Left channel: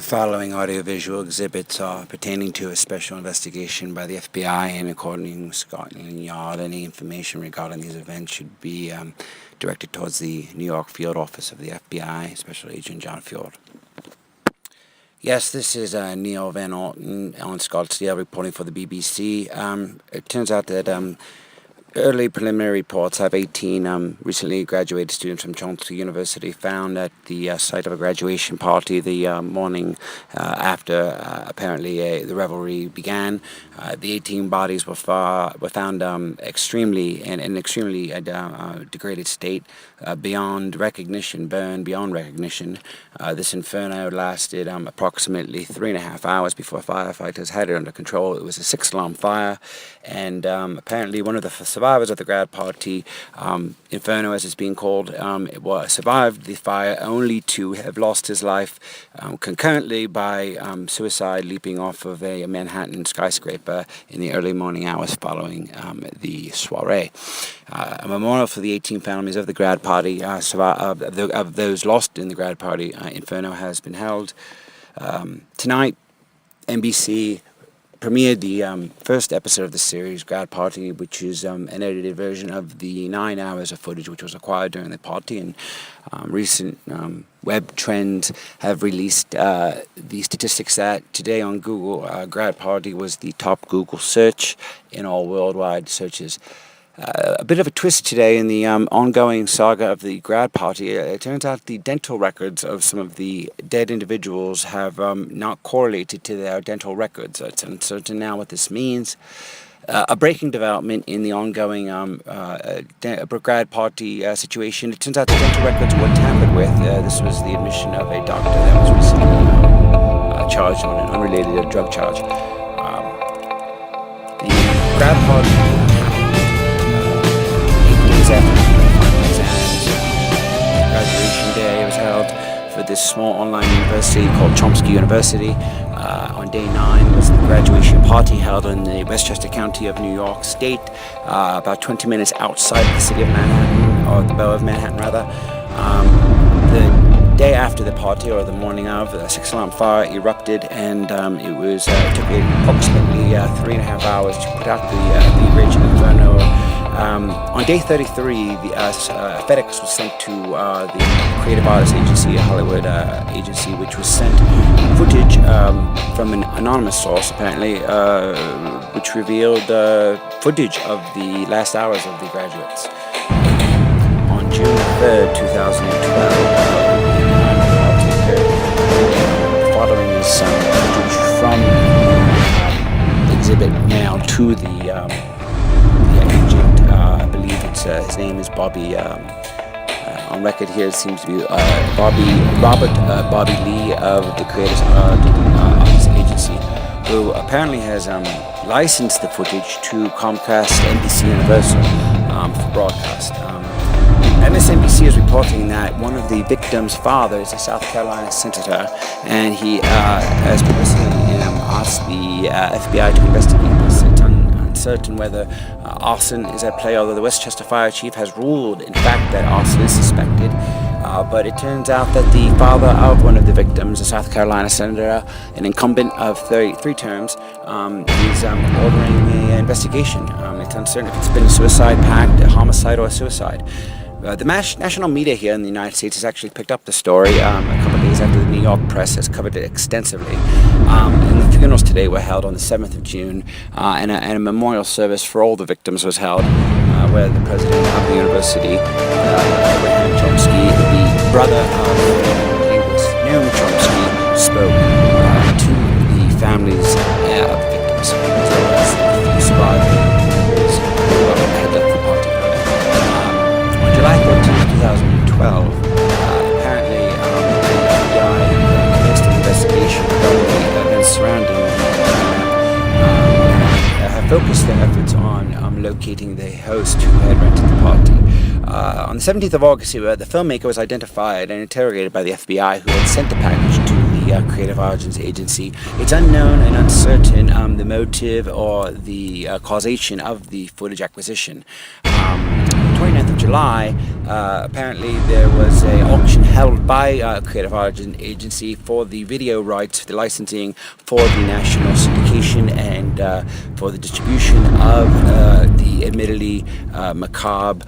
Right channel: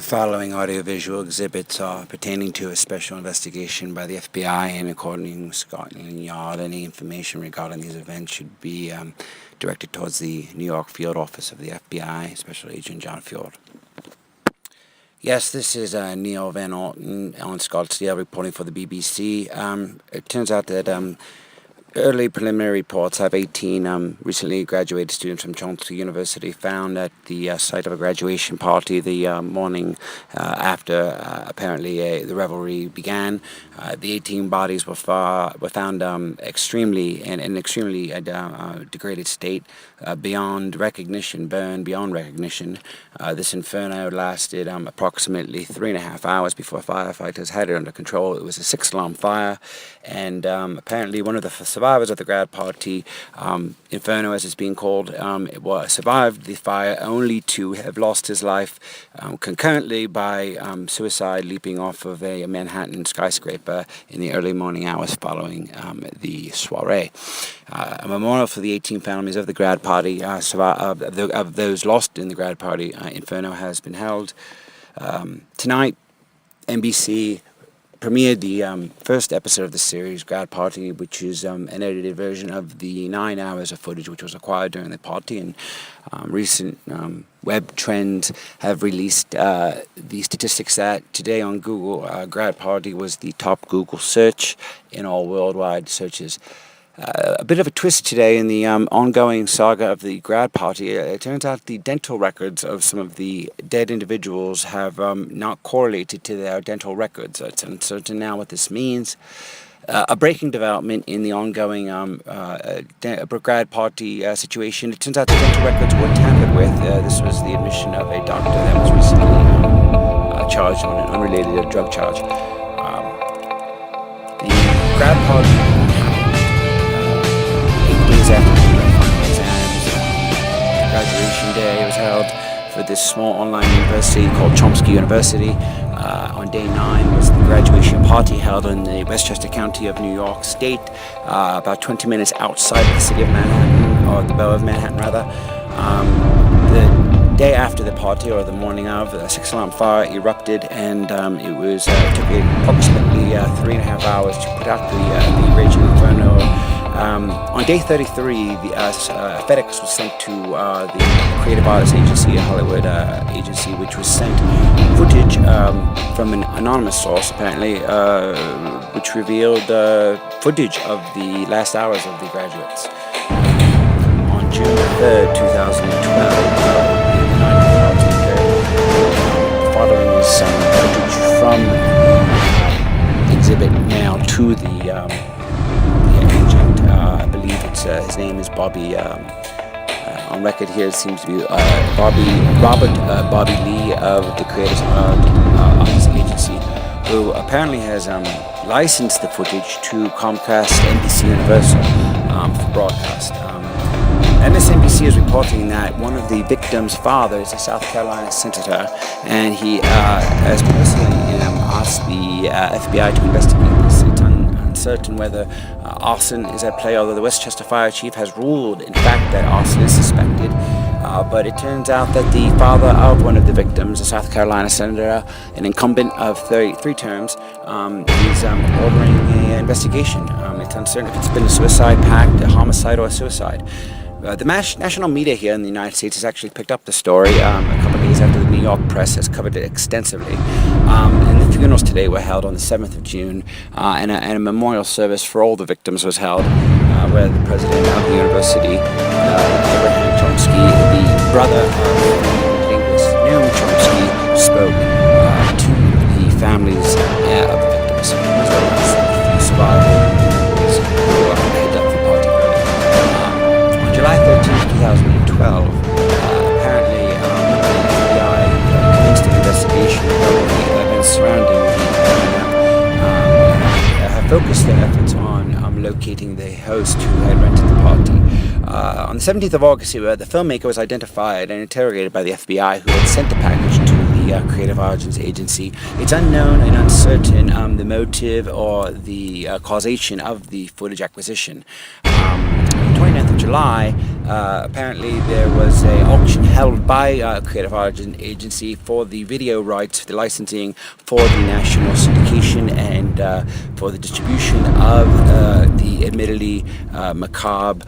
The following audiovisual exhibits are pertaining to a special investigation by the FBI, and according to Scotland Yard, any information regarding these events should be directed towards the New York field office of the FBI, Special Agent John Fjord. Yes, this is Neil Van Alten on Scottsdale reporting for the BBC. It turns out that early preliminary reports have 18 recently graduated students from Chomsky University found at the site of a graduation party the morning after apparently the revelry began. The 18 bodies were found extremely in an extremely degraded state, beyond recognition, burned beyond recognition. This inferno lasted approximately 3.5 hours before firefighters had it under control. It was a 6-alarm fire, and apparently one of the survivors of the grad party, Inferno as it's being called, survived the fire only to have lost his life concurrently by suicide, leaping off of a Manhattan skyscraper in the early morning hours following the soiree. A memorial for the 18 families of the grad party, of those lost in the grad party, Inferno, has been held. Tonight, NBC premiered the first episode of the series, Grad Party, which is an edited version of the 9 hours of footage which was acquired during the party. And recent web trends have released the statistics that today on Google, Grad Party was the top Google search in all worldwide searches. A bit of a twist today in the ongoing saga of the grad party. It turns out the dental records of some of the dead individuals have not correlated to their dental records. It's uncertain now what this means. A breaking development in the ongoing grad party situation. It turns out the dental records were tampered with. This was the admission of a doctor that was recently charged on an unrelated drug charge. The grad party after the final exams, graduation day was held for this small online university called Chomsky University. On day 9 was the graduation party held in the Westchester County of New York State, about 20 minutes outside of the city of Manhattan, or the borough of Manhattan rather. The day after the party, or the morning of, a 6-alarm fire erupted, and it took approximately 3.5 hours to put out the raging inferno. On day 33, FedEx was sent to the Creative Artists Agency, a Hollywood agency, which was sent footage from an anonymous source, apparently, which revealed footage of the last hours of the graduates. On June 3rd, 2012, the night of the party occurred. Following is some footage from exhibit mailed to the agent. I believe his name is Bobby. On record here, it seems to be Bobby Lee of the Creative Artists Agency, who apparently has licensed the footage to Comcast, NBC Universal for broadcast. MSNBC is reporting that one of the victims' father is a South Carolina senator, and he has personally asked the FBI to investigate this. It's uncertain whether arson is at play, although the Westchester Fire Chief has ruled, in fact, that arson is suspected. But it turns out that the father of one of the victims, a South Carolina senator, an incumbent of 33 terms, is ordering an investigation. It's uncertain if it's been a suicide pact, a homicide, or a suicide. The national media here in the United States has actually picked up the story a couple of days after the New York press has covered it extensively. And the funerals today were held on the 7th of June, and a memorial service for all the victims was held, where the president of the university, Abraham Chomsky, the brother of the linguist Noam Chomsky, spoke to the families of the victims, as well as the few surviving members who headed up the party early. On July 13, 2012, apparently the FBI commenced an investigation regarding the events surrounding the have focused their efforts on locating the host who had rented the party. On the 17th of August, the filmmaker was identified and interrogated by the FBI, who had sent the package to the Creative Artists Agency. It's unknown and uncertain the motive or the causation of the footage acquisition. 29th of July, apparently there was an auction held by Creative Arts Agency for the video rights, the licensing for the national syndication and for the distribution of the admittedly macabre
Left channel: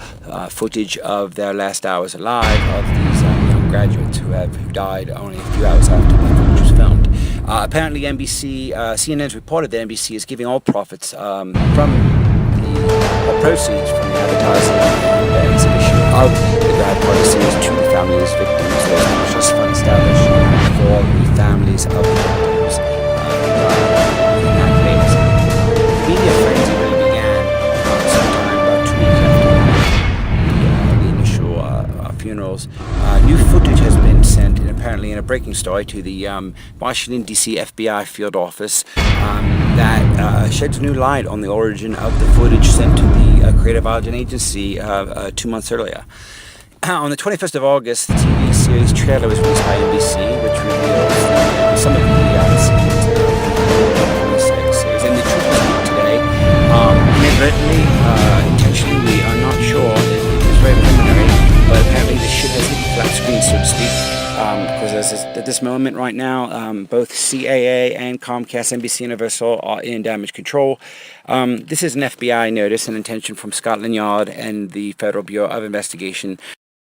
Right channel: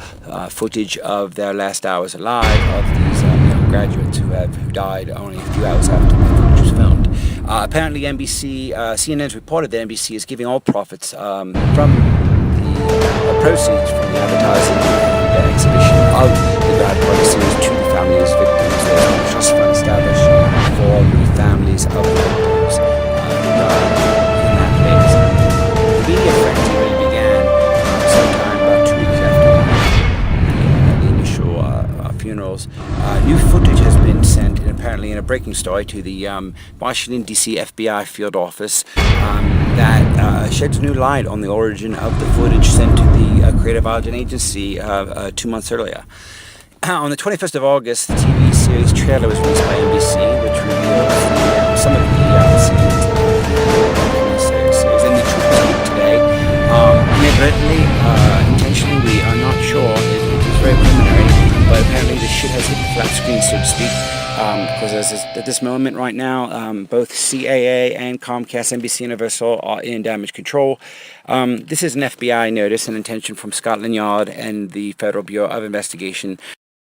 footage of their last hours alive of these young graduates who died only a few hours after the footage was filmed. Apparently CNN has reported that NBC is giving all profits from or proceeds from the advertising and exhibition of the Grad Party series to the families of victims. There's been a trust fund established for the families of the victims who died in that place. The media frenzy really began sometime about 2 weeks after the initial funerals. New footage has been sent, and apparently in a breaking story, to the Washington, D.C. FBI field office that sheds new light on the origin of the footage sent to the Creative Arts Agency 2 months earlier. On the 21st of August, the TV series trailer was released by NBC, which reveals some of the scenes of the upcoming series. And the truth was leaked today. Inadvertently, intentionally, we are not sure. It is very preliminary, but apparently the shit has hit the flat screen, so to speak. Because at this moment right now, both CAA and Comcast, NBC Universal are in damage control. This is an FBI notice and intention from Scotland Yard and the Federal Bureau of Investigation